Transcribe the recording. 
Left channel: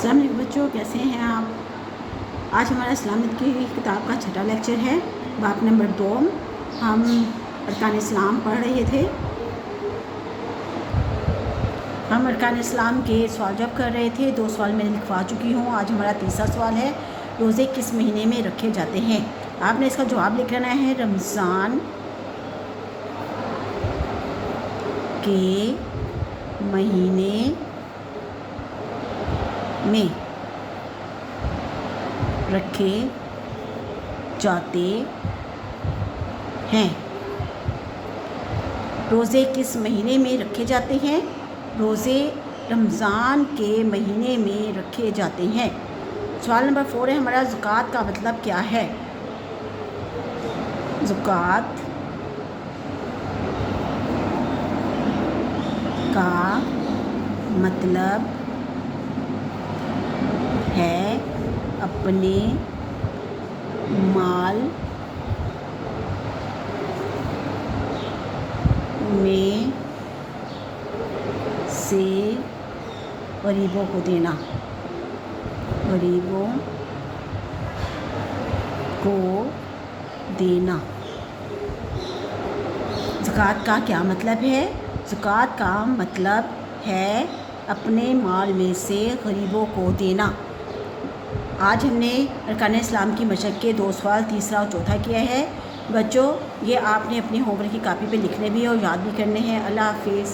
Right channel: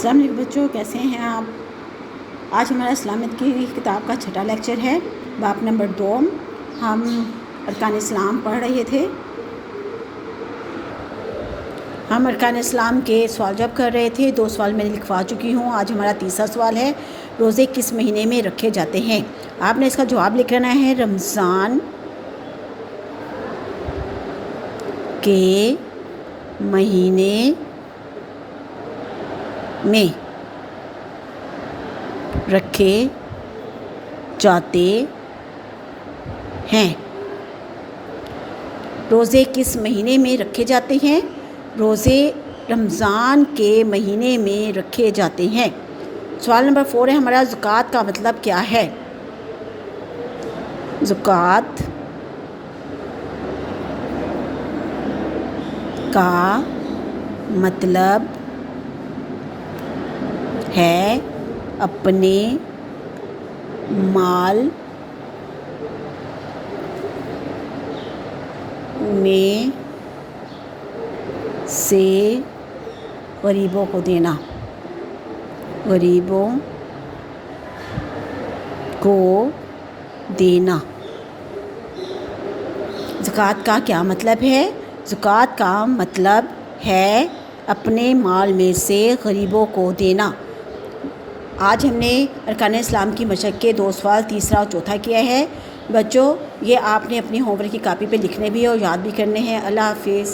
السلام علیکم بچوں، کیسے ہیں آپ؟ آج ہمارا اسلامک کی کتاب کا چھٹا لیکچر ہے، باب نمبر 2۔ ہم ارکان اسلام پڑھ رہے تھے۔ ہم ارکان اسلام کے سوال جواب کر رہے تھے۔ 2 سوال میں لکھوا چکی ہوں۔ آج ہمارا تیسرا سوال ہے، روزے کس مہینے میں رکھے جاتے ہیں؟ آپ نے اس کا جواب لکھنا ہے، رمضان کے مہینے میں رکھے جاتے ہیں۔ روزے کس مہینے میں رکھے جاتے ہیں؟ روزے رمضان کے مہینے میں رکھے جاتے ہیں۔ سوال نمبر 4 ہے ہمارا، زکوٰۃ کا مطلب کیا ہے؟ زکوٰۃ کا مطلب ہے اپنے مال میں سے غریبوں کو دینا۔ غریبوں کو دینا۔ زکوٰۃ کا کیا مطلب ہے؟ زکوٰۃ کا مطلب ہے اپنے مال میں سے غریبوں کو دینا۔ آج ہم نے ارکان اسلام کی مشق کے 2 سوال تیسرا اور چوتھا کیا ہے۔ بچوں، یہ آپ نے اپنی ہوم ورک کی کاپی پہ لکھنے بھی اور یاد بھی کرنے ہیں۔ اللہ حافظ۔